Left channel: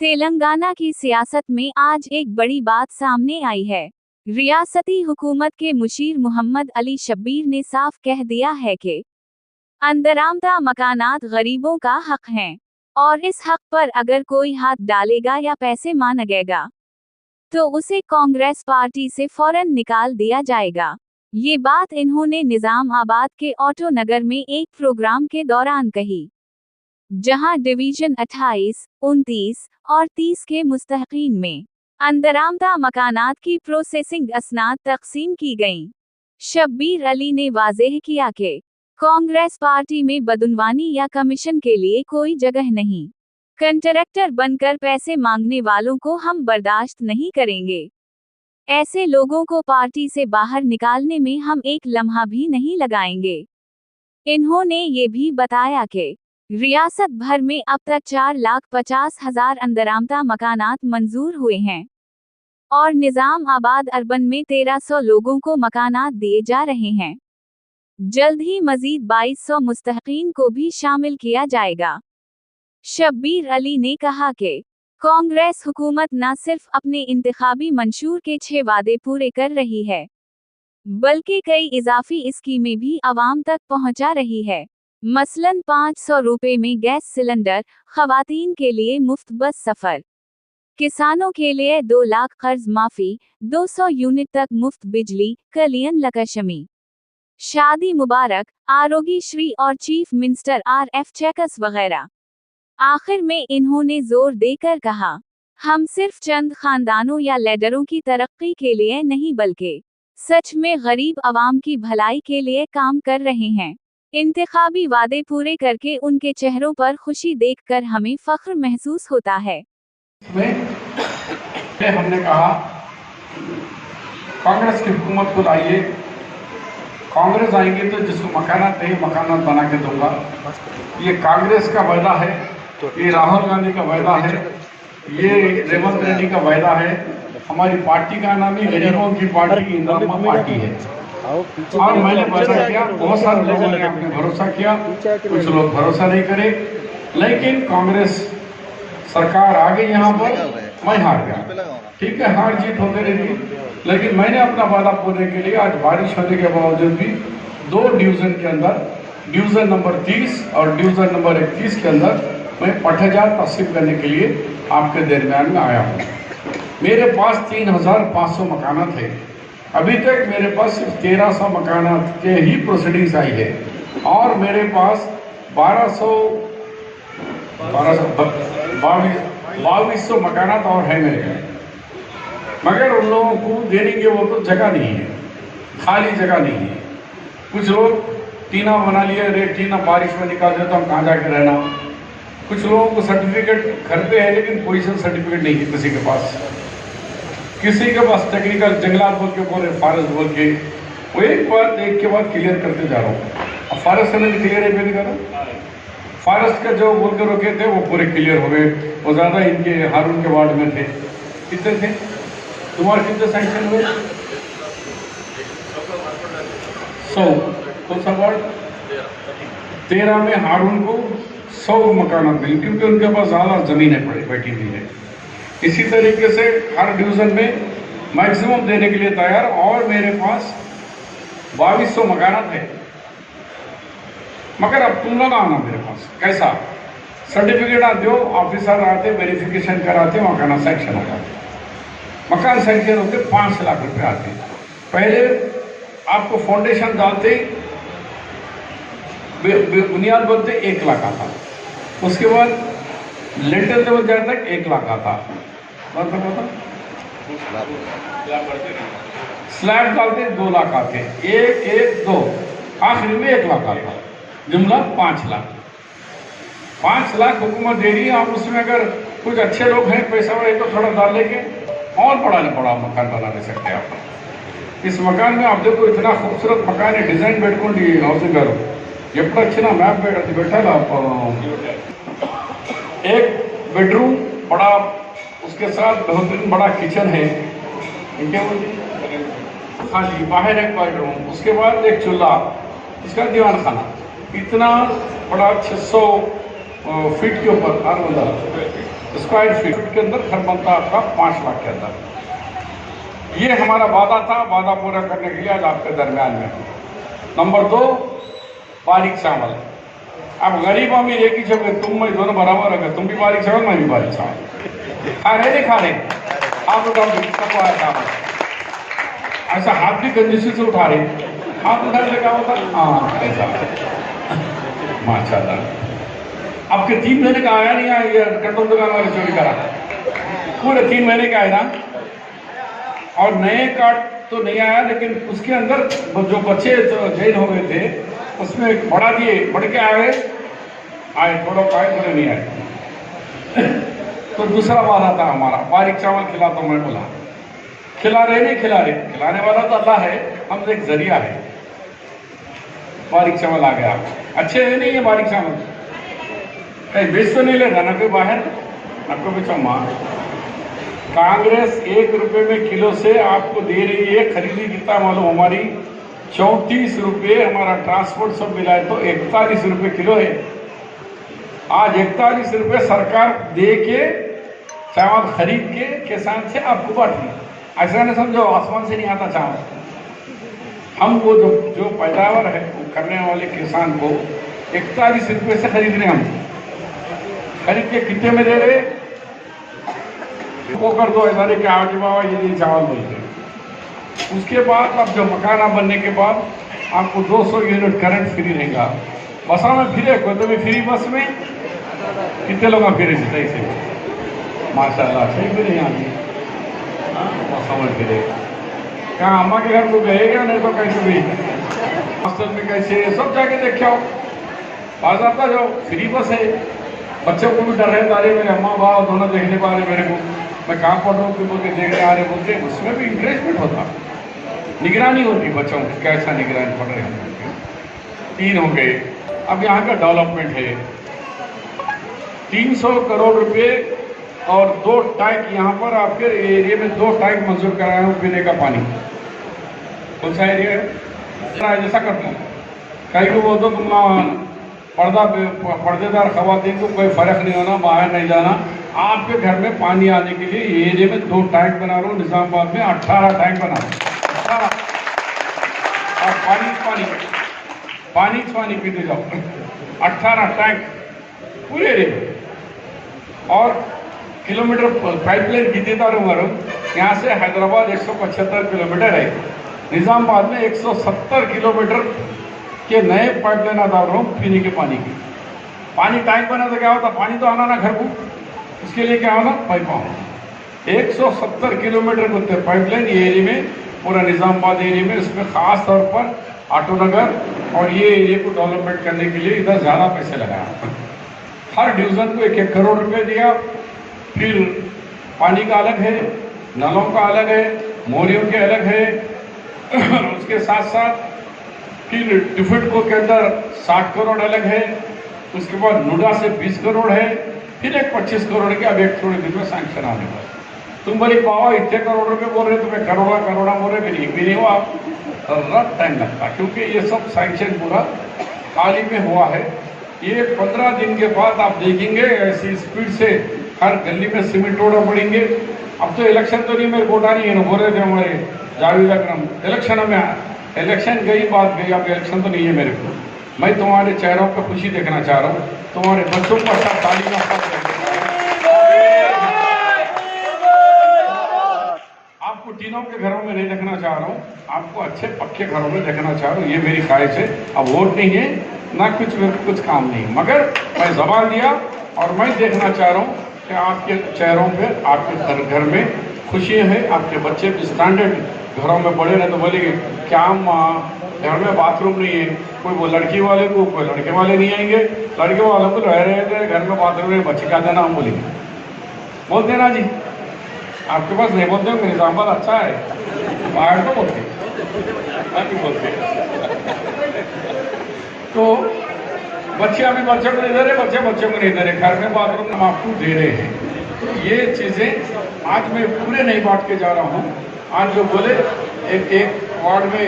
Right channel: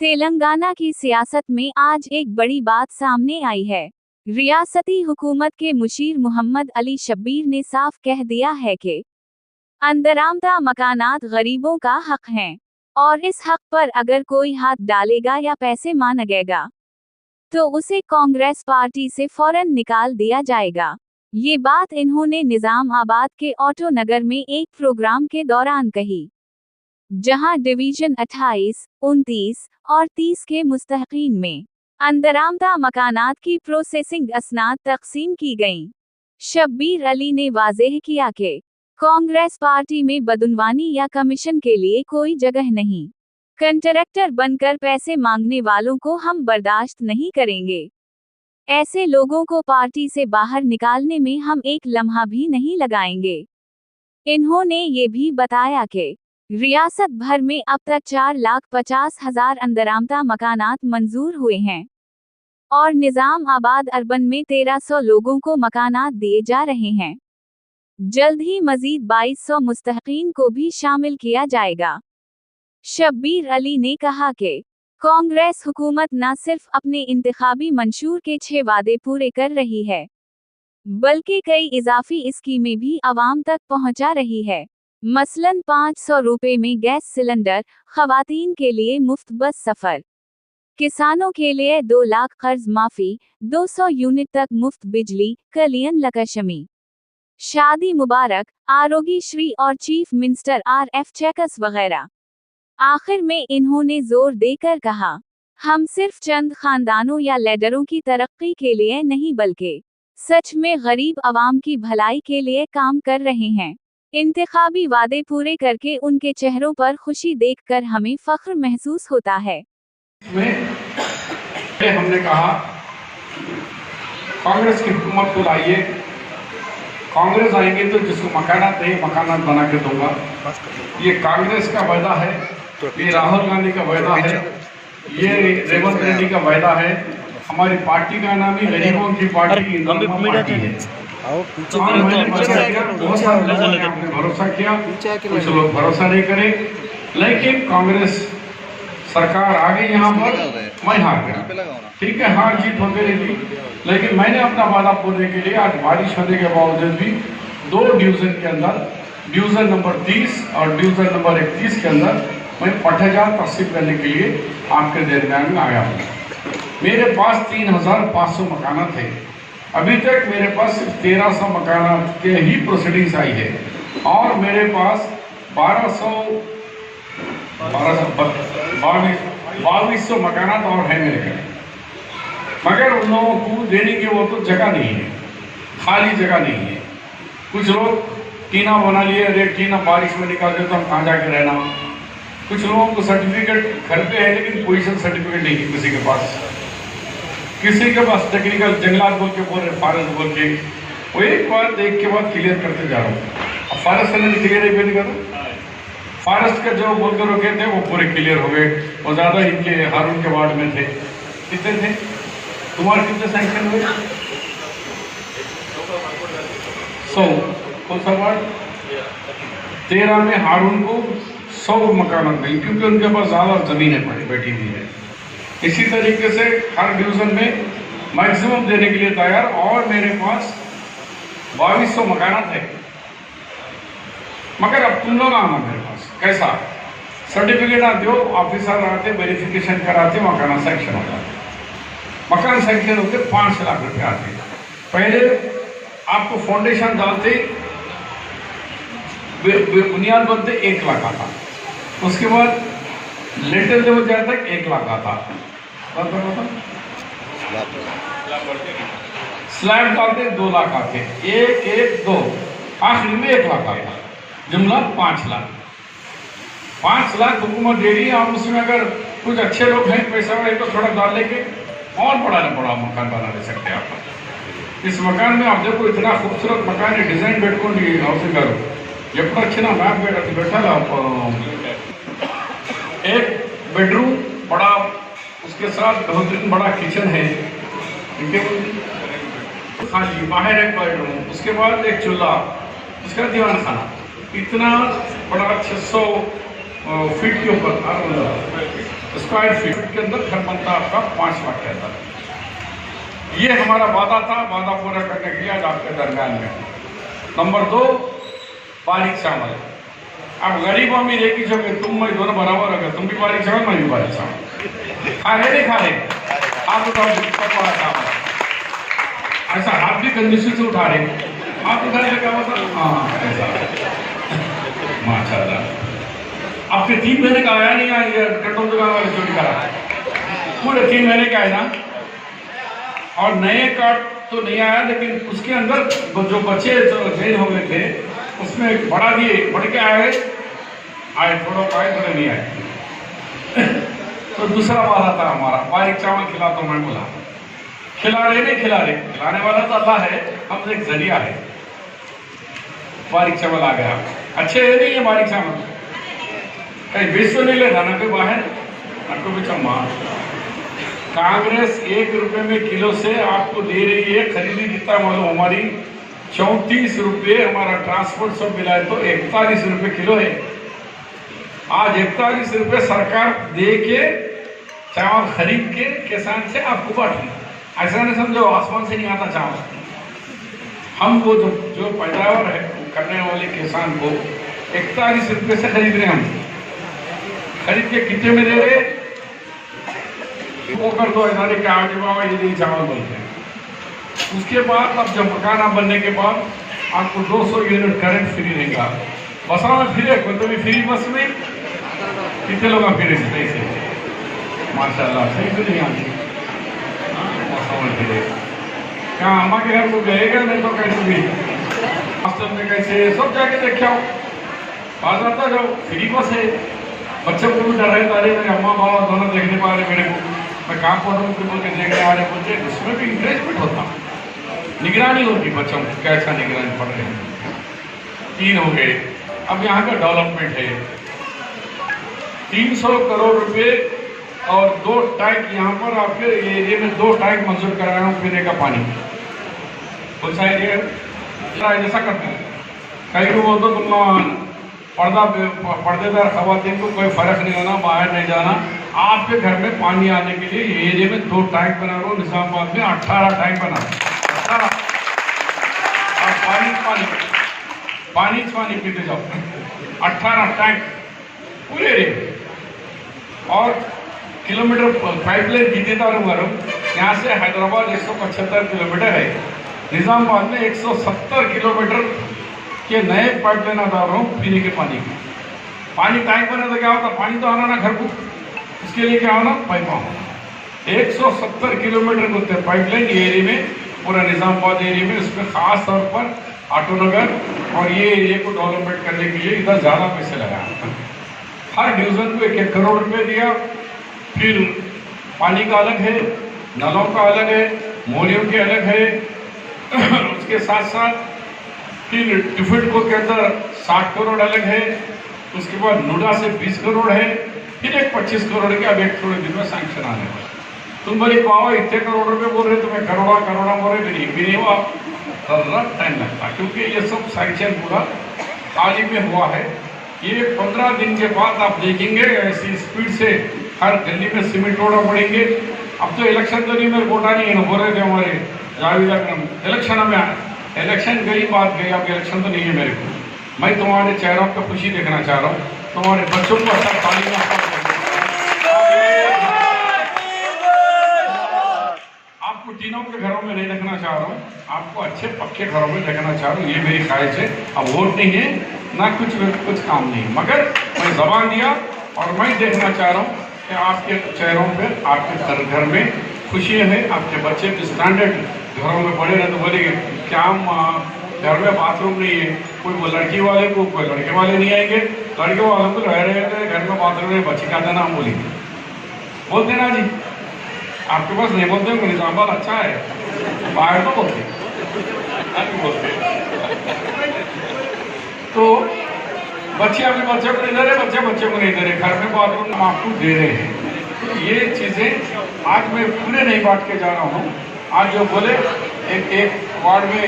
तेलंगाना की सियासत में आज एक बड़ी बात सामने आई है। रियासती हुकूमत के मुशीर मोहम्मद अली शब्बीर ने साफ कह दिया है कि अंदरामदा मकानात गरीबों का हक हैं और इस हक पर अगर कोई हाथ डालेगा या पैसे मांगेगा तो उसे कांग्रेस पार्टी से फौरन निकाल दिया जाएगा। ये बात इन्होंने निजामाबाद के ऑटो नगर में एक प्रोग्राम के दौरान कही, जहां डिवीजन 28, 29 और 30 के मुस्तहकीन में अंदरामदा मकानात की प्रोसेसिंग असनाद तकसीम की गईं। शब्बीर अली ने वाज़ेह किया कि कांग्रेस पार्टी में बदउनवानी या कमीशन के लिए कोई जगह नहीं। कंट्रैक्टर बनकर पैसे मांगने वालों को हम बर्दाश्त नहीं करेंगे। ऐसे लोगों को पार्टी से बाहर निकालने में हम एक लम्हा भी नहीं लगाएंगे। इन्होंने ये भी बताया कि रियासत भर में अब तक 4,50,000 अंदरामदा मकानात मंजूर हुए हैं और निजामाबाद अर्बन में 1300 लोगों को मकानात दिए जा रहे हैं। जल्द ही मजीद 2200 मुस्तहकीन को भी शामिल किया जाएगा। शब्बीर अली ने कहा कि कांग्रेस हुकूमत न सिर्फ अपने इंतखाबी मंशूर के 6 वादे पूरे कर रही है, बल्कि कई इजाफी स्कीमें भी आवाम तक पहुंचा रही है। मसलन 500 रुपए में गैस सिलेंडर, खवातीन के लिए मुफ्त बस सफर, किसानों के लिए 2 लाख कर्ज माफी, 200 यूनिट तक मुफ्त बिजली, कलियन लकशमी, शादी मुबारक, आरोग्य श्री और चीफ मिनिस्टर RF चेकर्स वगैरह। आखिर में इन्होंने जोर देकर कहा, हम सिर्फ चंद खानदानों या लीडरों की तरक्की के लिए नहीं बल्कि सच में गरीब आवाम की भलाई के लिए काम कर रहे हैं। इंतखाबी वादे पूरे करके उनके चेहरों पर खुशी देखकर हमें फख्र महसूस होता है। हमने कहा कांग्रेस की हुकूमत को लाइए, कांग्रेस आएंगे तो जिसको मकानात नहीं मकानात बना के दूंगा। ये कांग्रेस का वादा है, ये राहुल गांधी का वादा है, ये रेवंत रेड्डी का वादा है। हमारी पार्टी का नाम ही गरीबों की पार्टी पार्टी है। और मैंने बहुत सारे लोगों ने आपने भरोसा किया, कुछ लोग भरोसा नहीं करे, लेकिन कांग्रेस सरकार आ गई यहाँ पर, मैं हार गया। ठीक है, हार जीत होती रहेगी, लेकिन मैंने अपना वादा पूरे के लिए आज बारिश होने के बावजूद भी 2 डिवीजन के अंदर, डिवीजन नंबर 30 और डिवीजन नंबर 31 के अंदर मैं पट्टेदार तस्दीक करने के लिए आपके दरमियान में आया हूँ। मेरे पास 3,500 मकानात थे। अभी तक मेरे पास सिर्फ 1300 मकानात के ही प्रोसीडिंग्स आई है और मेरे पास 2200 मकानात और है मेरे घर, मगर उन लोगों को देने की वो तो जगह नहीं है, खाली जगह नहीं है। कुछ लोग टीना बना लिए, अरे टीना बारिश में निकाल देता हूँ, कहाँ जाके रहना। कुछ लोगों को सर्टिफिकेट घर पे है लेकिन पोजीशन सर्टिफिकेट नहीं है किसी के पास, किसी के पास टेक्निकल जंगलात बोल के बोल रहे, फॉरेस्ट बोल के। वो एक बात एक के बाद क्लियर करते जा रहा हूँ। अब फॉरेस्ट करने क्लियर है नहीं करता, फॉरेस्ट का जो बोल के रोके थे वो पूरे क्लियर हो गए। वो ज़्यादा इनके हारून के वार्ड में थे। कितने थे तुम्हारे, कितने सैंक्शन हुए? 100 कौन सा वार्ड? 13 में हारून को 100 मकान मिली, क्योंकि उनके पास ज़्यादा ज़मीनें पड़ी बैठी हुई है। इसी तरीके से हर डिवीजन में मैक्सिमम देने के लिए तैयार, और मेरे पास 2200 मकानात है। मगर अब तुम लोग आना मेरे पास, कैसा सर्टिफिकेट आते हो, ऑफिसर आते, वेरिफिकेशन कराते, मकान सैंक्शन होगा। मकान सैंक्शन होकर 5 लाख रुपए आते। पहले आपको फाउंडेशन डालते, बुनियाद बनते 1 लाख आता, उसके बाद लेटर लेवल जाता 1 लाख आता, स्लैब डालते 2 लाख आते, 1, 1, 2, आखिरी में 1 लाख आता, जुमला 5 लाख। 5 लाख हुकूमत दे रही है। हम उसमें अगर कुछ अच्छे लोग हैं, पैसा वाले, तो थोड़ा डाल लेके और बड़ा मकान बना ले सकते हैं आप। इस मकान में आप देखो, इतना खूबसूरत मकान है, डिजाइन పెట్టుకోండి హౌసింగ్ గారు, ఎప్పుడు వచ్చినా మ్యాప్ పెట్టాలి। एक बेडरूम बड़ा, उसके साथ बेहतरीन बड़ा किचन है, बाहर एक बेडरूम, उसके बाद एक चूल्हा, उसका दीवान खाना, इतना बड़ा 600 फीट के ऊपर स्क्वायर फीट के अंदर घर बनता आपका 5 लाख के अंदर। ये हमारा वादा था, वादा पूरा करने के लिए आज आपके दरमियान में। नंबर 2, बारीक चावल। अब गरीब अमीर एक ही जगह, तुम मैं दोनों बराबर हो गए, तुम भी बारीक चावल मैं भी बारीक चावल। खा रहे नहीं खा रहे आप चावल, ऐसा हाथ भी कंडीशन से उठा रहे आप उठा रहे क्या होता? हाँ ऐसा माशाल्लाह। आपके 3 महीने का आया नहीं आया कंट्रोल दुकान वाले चोरी करा, पूरे 3 महीने का आया ना। और नए कार्ड तो नहीं आया, लेकिन उसके अंदर वो जो बच्चे जेल हो गए थे उसमें बढ़ा दिए, बढ़ के आए थोड़ा आए थोड़ा नहीं आए। तो दूसरा वादा था हमारा, बारीक चावल खिला तो मैं बोला खिला रहे नहीं खिला रहे, खिलाने वाला तो अल्लाह है, हम तो एक जरिया है। बारीक चावल आ गया, अच्छे है नहीं ये बारीक चावल, कहीं बेच तो नहीं लेगा ना कोई बाहर आपको बेचा मार। कांग्रेस 1 रुपए में किलो से आपको दे रही है, खरीदी कितना मालूम हमारी 34 रुपये, हमारा ट्रांसपोर्ट सब मिलाए तो 41 रुपये किलो है। आज 41 रुपये सरकार दे के चावल खरीद के किसान से आपको बांटी, ऐसा नहीं समझो आसमान से नहीं आता चावल। हम वो जो पैदावार है करने वाले किसान को 41 रुपये से खरीद रहे हैं, हम खरीद के कितने में दे रहे, वो कर दो इन्होंने क्या बाबा ये चावल बोलते हैं। उसके बाद अब जब मकाना बनने के बाद आपको 200 यूनिट करंट फ्री रहेगा। बसों में फिरे तो भी फ्री, बस में कितने लोग फिरे ऐसे माशाल्लाह, सही तो नहीं आती समझ फिरे। क्या अम्मा के घर को गएगा नहीं तो कैसे भी हॉस्टल में कैसे सब जाके देखा बात आता जो फ्री बस है। बच्चों को भी डर रहे था, मेरे अम्मा बाबा दोनों देखने पा रहे, मेरे मैं कहाँ पढ़ रहा हूँ फिर के देखने आ रहे बच्चे, उसमें भी इंकरेजमेंट होता, निगरानी होती बच्चों की कैसा निगरानी पढ़ रहे हैं। 3 हो गए। अब यहाँ का डेवलपमेंट है 300 करोड़ रुपए और 2 टैंक यहाँ पर आपके एरिया में 2 टैंक मंजूर कराया हूँ पीने का पानी। कौन सा एरिया ऐसा करते हैं, कहीं को बोल दो तुम पर्देदार खवातीन को कोई फर्क नहीं आना, बाहर नहीं जाना, आपके घर में पानी आने के लिए एरिया में 2 टैंक बना रहा हूँ। निजामाबाद में 18 टैंक बना रहा हूँ और पानी पीते जाओ 18 टैंक पूरे एरिया। और किलोमीटर पाइपलाइन भी देता रहूँगा, यहाँ से हैदराबाद 175 किलोमीटर है, निजामाबाद में 170 किलोमीटर के नए पाइपलाइन डाल रहा हूँ पीने के पानी की। पानी टैंक बना तो क्या होता, पानी तो आना ना घर को, इसके लिए क्या होना पाइप आना। 170 किलोमीटर होते हैं पाइपलाइन एरिया में, पूरा निजामाबाद एरिया में। उसमें खास तौर पर आटोनगर और ये एरिया को डेवलपमेंट करने के लिए इधर ज़्यादा पैसे लगाया। हर डिवीजन को 1-1 करोड़ रुपए दिया। फिर पानी का अलग है, नलों का अलग है, मोरियों के अलग है। उसके साथ साथ फिर डिफेंट को के अंदर 60 करोड़ अलग है। उसके बाद नुडा से 20 करोड़ है, फिर एक 25 करोड़ के अब 1 करोड़ दिन में सैंक्शन आने का। तुम बड़ी पावा इतने करोड़ रुपए बोल रहे, तुम्हें करोड़ा बोल रहे, नहीं भी नहीं हुआ, रफ टाइम लगता, क्योंकि ये सब सैंक्शन पूरा हाल ही में हुआ है। ये 15 दिन के बाद आप देखेंगे ऐसी स्पीड से हर गली में सीमेंट रोड पड़ेंगे। अब तो इलेक्शन तो नहीं, मेरे वोटा नहीं है ना, बोल रहे थे हमारे जावेद अकरम, इलेक्शन में इलेक्शन गई बात गई, अब इलेक्शन तो नहीं है मेरे को। मैं तुम्हारे चेहरों पर खुशी देखना चाह रहा हूँ, तुम्हारे बच्चों को अपना तालीम आपको तीनों के घरों में नहीं देखना चाह रहा हूँ, आपको अच्छे पक्के घरों में देखना चाह रहा हूँ। ये मेरी ख्वाहिश है। अब वोट नहीं है ना कुछ काम नहीं, मगर मैं जबान दिया और मैं देखना चाह रहा हूँ कि आपके चेहरों पे आपके घर में खुशियाँ हैं। आपके बच्चे स्टैंडर्ड घरों में पढ़े रहे तो बोलेंगे क्या घर में बाथरूम नहीं है, कोई लड़की वाले को कोई लड़के वाले नहीं आएंगे, लड़के वाले तो रह रहे थे घर में बाथरूम नहीं, बच्चे का देना हम बोल देना जी। आपके पास नहीं बोलते होंगे, निजामाबाद अच्छा है, बाहर तो बोलते तो बच्चे अभी बच्चे को नहीं दे रहे, बच्चे को नहीं दे रहे, घर में बाथरूम हम आपको दे रहे हैं। तो ये चीज़ें आज मैं पूरे नहीं बांट के जा रहा हूँ। आज जो बोले एक वार्ड में